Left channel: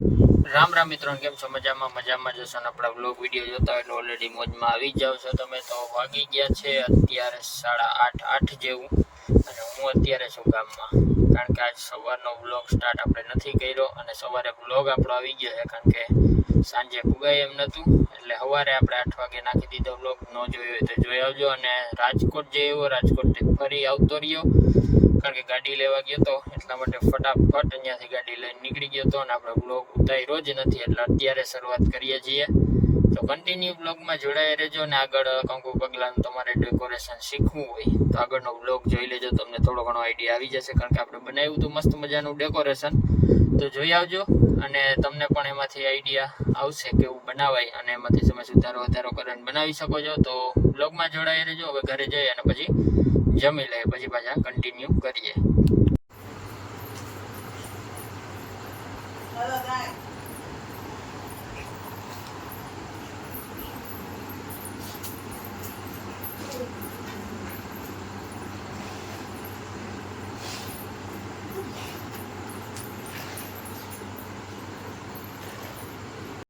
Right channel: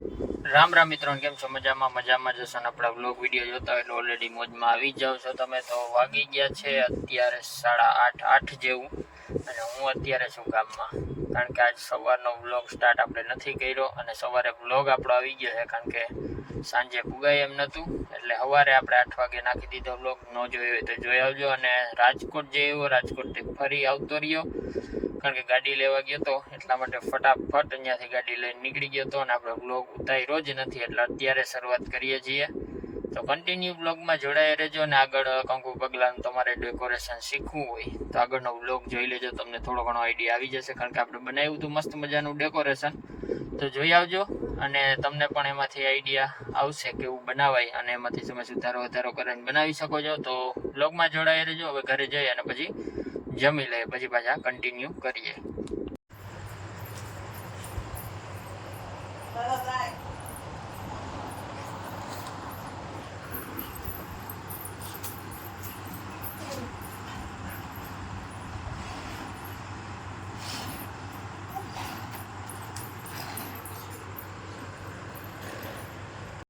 રામ રામ મિત્રો, કેમ છો? મજામાં જશો ને આપણા વ્લોગ વિડીયો જોતા હોય એટલે ઓલરેડી મોજમાં આવી જાવ છો તમે. તો વાગી ગયા છે અત્યારે 8:30 જેવું, અને હું અત્યારે છું ગામમાં, કારણ કે આજ સવારનો વ્લોગ સ્ટાર્ટ આપણે નથી કર્યો, અને સવારે વ્લોગ આપણો આવી ગયો છે કારણ કે સાંજે પુગાય એમ નહોતું, એટલે સવારે આપણે 8 વાગે નાખી દીધો વ્લોગ. ન જોયો હોય તો જોઈ આવજો. અને રાજકોટ જે એવો રાજકોટથી ફરી આવતો રહ્યો, કારણ કે ગાડી લેવા ગયો હતો, એટલા માટે ફટાફટ અહીંયાથી ગાડી લઈને નીકળી ગયો હતો, અને આપણે બ્લોગ ઉતાર્યો જ નથી, એટલે અત્યારે શરૂઆત કરીએ છીએ. તો કન્ટિન્યુ બ્લોગમાં જોડાઈ રહેજો. અને આગળ કંકુ પગલાનું તમારે ડેકોરેશન શીખવું હોય તો આગળનો બ્લોગ જોઈ લેજો, તમને થોડો ઘણો આઈડિયા આવી જશે, કારણ કે આપણે બનાવ્યું હતું મસ્ત મજાનું ડેકોરેશન. તો જોઈ આવજો, અને તમને પણ એમાંથી આઈડિયા આવશે કેવું બનાવાય, અને એમાંથી તમે સુધારો વધારો કરીને બનાવી શકો છો. તો બ્લોગમાં જોડાઈ રહેજો. હવે ઘરે જઈએ અને પછી જમી લઈએ, પછી પાછા કન્ટિન્યુ કરીએ.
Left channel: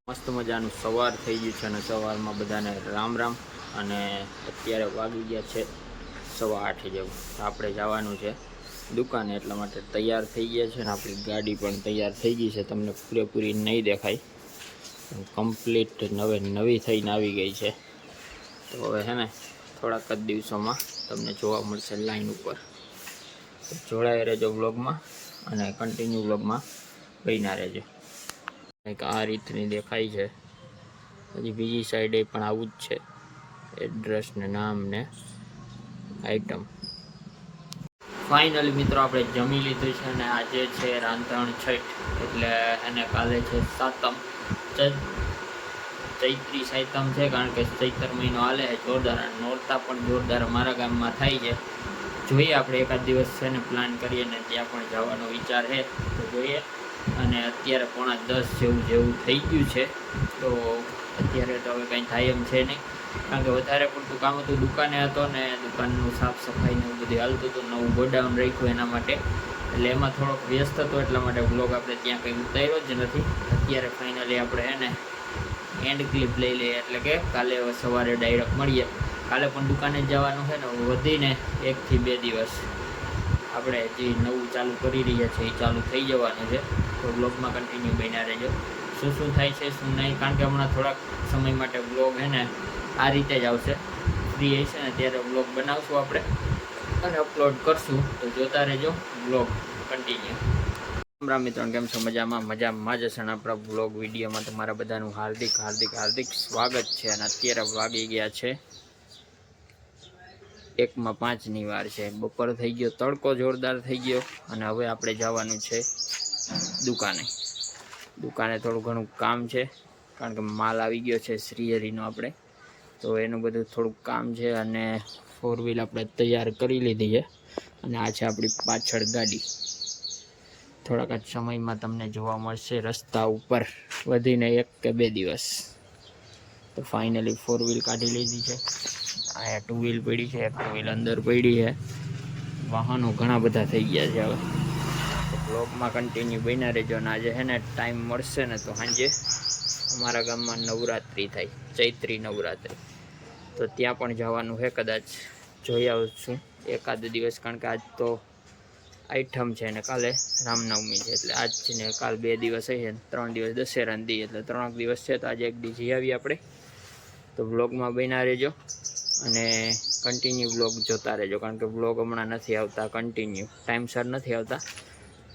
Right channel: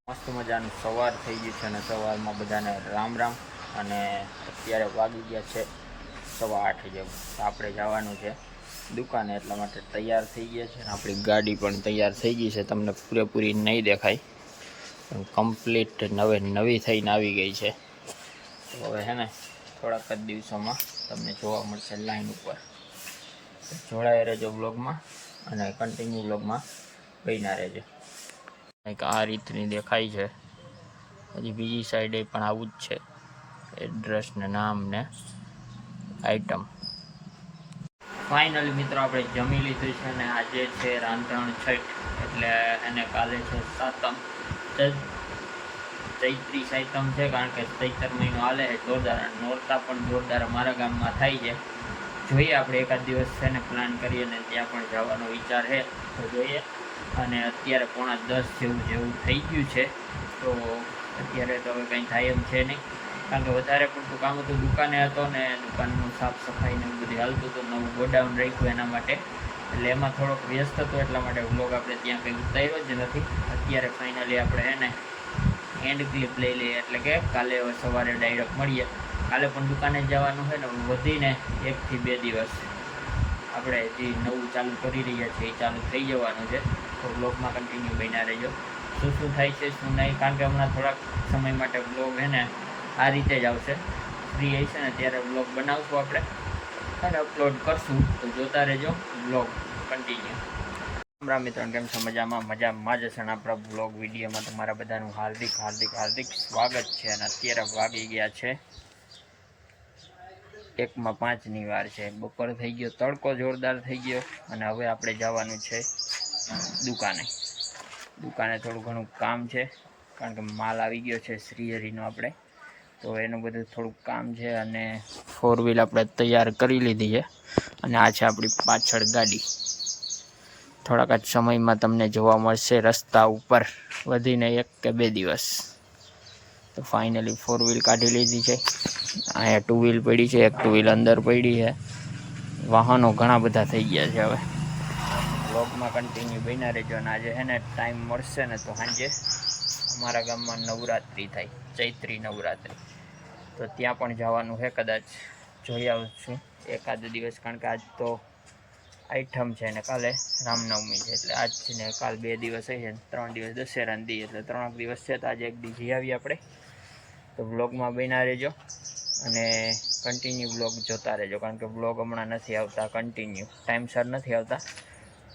મસ્ત મજાનું સવાર થઈ ગયું છે, અને સવારમાં બધાને રામ રામ. અને અત્યારે વાગી ગયા છે 8:15 જેવું. આપણે જવાનું છે દુકાને, એટલા માટે તૈયાર થઈ ગયા છે. અને આપણી ગાડી પણ તૈયાર થઈ ગઈ છે. તમને પૂરેપૂરી નહીં દેખાય, કમ્પ્લીટ નવી થઈને આવી ગઈ છે. તો હવે છે ને થોડાક જ દિવસોમાં તમને જોવા મળશે લાઈન ઉપર. તો જોડાઈ રહેજો બ્લોગમાં, અને કન્ટિન્યુ બ્લોગમાં બન્યા રહેજો. કંઈક આ રીતની દેખાય છે. હજી બીજી સાઈડે પણ આવું જ છે, એડ્રેસ ને નામ ને આઈટમ. ફાઇનલી મિત્રો આપણે જમી લીધું છે, અને આજે છે રાંધણ છઠ, એટલે એને કાલે છે સાતમ, ચૈત્રી સાતમ છે, કારણ કે ચૈતર મહિનો હાલે છે જોરદાર. અને નોરતા પણ જોરદાર અમારા ગામમાં થાય છે. જોઈએ આપણે એકાદ દિવસ છે ને પ્લાન કરીએ, ને ત્યાં પણ જવાનો વિચાર છે, તો જોઈએ. અને અત્યારે 9:45 જેવું થઈ ગયું છે. તો અત્યારે તો હવે કંઈ થાય એમ છે નહીં, કારણ કે વધારે પડતું કામ હતું, દુકાને હતો, ને દુકાનનું સાફ સફાઈ ને એવું બધું હાલતું હતું, નવું ગોડાઉન રાખ્યું એના માટે, એટલે એમાં થોડોક વ્યસ્ત હતો, એટલા માટે વ્લોગ આપણે ત્યાં કંઈ ઉતાર્યો જ નથી. અત્યારે ફાઇનલી આપણે એને એન્ડ ક્લિપ લઈ લઈએ, એટલે કે કાલે સવારે ડાયરેક્ટ મળીએ. કાલે પણ દુકાને જ જવાનું છે, ને વધીને 1 થી 2 દિવસ આપણે જે નવું ચાલુ કરી રહ્યા છીએ એ ચાલુ થઈ જવાનું છે. તો બ્લોગમાં કન્ટિન્યુ બન્યા રહેજો, શું થાય છે શું નહીં, કારણ કે હમણાં થોડાક સમય માટે બ્લોગ છે ને આ રીતે જ આવશે. ફ્રી હશે ને ત્યારે બ્લોગ બનાવશું આપણે, અને અપલોડ કરશું. તો જોતા રહેજો બ્લોગ કન્ટિન્યુ. રામ મિત્રો, કેમ છો? મજામાં જ હશે. અને આપણા બ્લોગ વિડીયોમાં તમારા બધાનું હાર્દિક સ્વાગત છે. અને અત્યારે વાગી ગયા છે 1:05 વાર છે. બપોર થઈ ગયો, તડકો જોરદાર થઈ ગયો, અને હવે આપણે જવાનું છે દુકાને થોડું ઘણું કામ છે, કારણ કે માલ આવી ગયો છે શ્રીહરિનો આપણે, તો એનું બધું થોડુંક કામ છે. અને 4 વ્હીલ આપણે તૈયાર કરી લીધી છે, અને આ છે આપણી પાછળ ગાડી. થોડાક જ સમયમાં તમને જોવા મળશે રસ્તા ઉપર, વધીને 1 કે 2 દિવસ. તો ફાઇનલી 4 વ્હીલ કાઢી લીધી છે. અહીંયા 2 વ્હીલ પડી છે, 1 2 વ્હીલ અંદર પડી છે. વાહનો ઘણા બધા થઈ ગયા છે. હવે બ્લોગમાં કન્ટિન્યુ બન્યા રહેજો. અને આજે છે ને ટાઈમ મળશે ને તો સાંજે અમારા ગામમાં નવરાત્રિ થાય, ચૈત્રી નવરાત્રિ, તો ત્યાં પણ જવાનું છે. કદાચ જોઈ આવશું એકાદ દિવસ, કારણ કે આજ તો આઈટમ છે, ને કાલે રામનવમી છે, એટલે આજ ને કાલ 2 દિવસ હશે, 3 દિવસ દશેરાના દી, એટલે 3 દિવસ છે. તો આજે એક દી જઈ આવીએ આપણે. તો વ્લોગમાં બન્યા રહેજો, અને કન્ટિન્યુ વ્લોગ જોતા રહેજો, કારણ કે વ્લોગ હમણાં નથી આવતા, કન્ટિન્યુ ટાઈમસર નથી આવતા,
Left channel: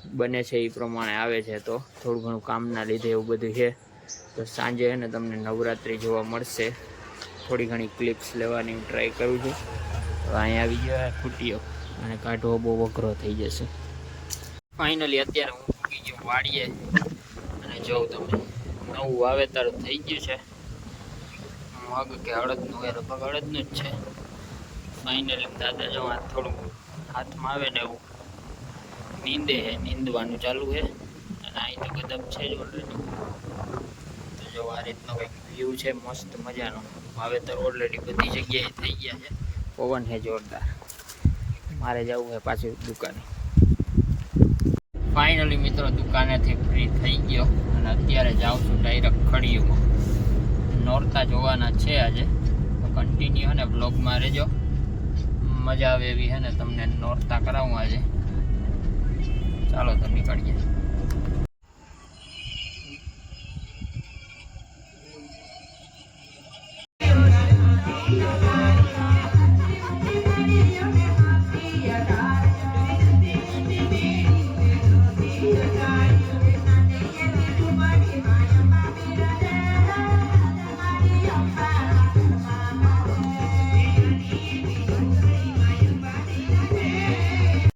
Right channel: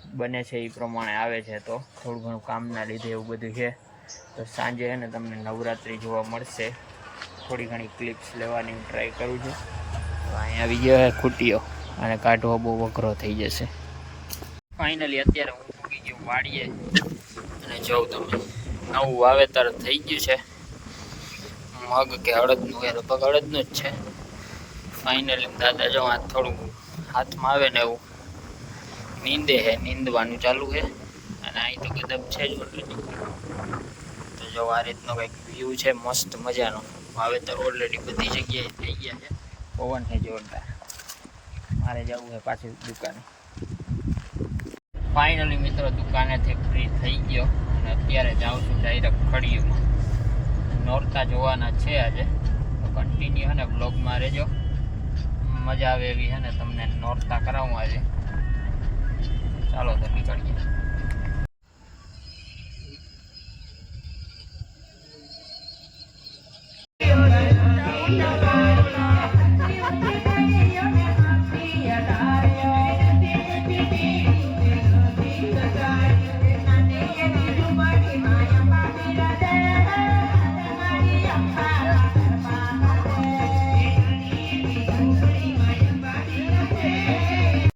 બને છે એ પ્રમાણે આવે છે. તો થોડું ઘણું કામના લીધે એવું બધું છે. તો સાંજે છે ને તમને નવરાત્રિ જોવા મળશે. થોડી ઘણી ક્લિપ્સ લેવાની ટ્રાય કરું છું. તો અહીંયા આવી ગયો છે ખૂટીઓ, અને કાઢવો બહુ અઘરો થઈ જશે. ફાઇનલી અત્યારે હું મૂકી ગયો વાડીએ, અને જોઉં તમે નવું વાવેતર થઈ ગયું છે, મગ કે અડદનું, એ લગભગ અડદનું જ છે. ફાઇનલી દાદા જો આ થોડું હાથમાં આવે ને એવું નીંદવાનું ચાલુ છે. અને અહીં તો ગદબ છે જ ઓલરેડી. તો જો આ રીતનો કંઈક વ્યૂ છે મસ્ત મજાનો. વાવેતર ઓલરેડી બધી જગ્યાએ થઈ ગયા છે. પવન છે જોરદાર. મારે જવું છે પાછું દુકાને. ફાઇનલી મિત્રો દુકાનેથી ફ્રી થઈ ગયો, અને અત્યારે નોરતા જોવાના છે આજે, તો કન્ટિન્યુ હે ને બ્લોગમાં રહેજો. મજા આવે એવી હે ને તમને નોરતા કરાવું આજે. ચાલો તો નીકળીએ.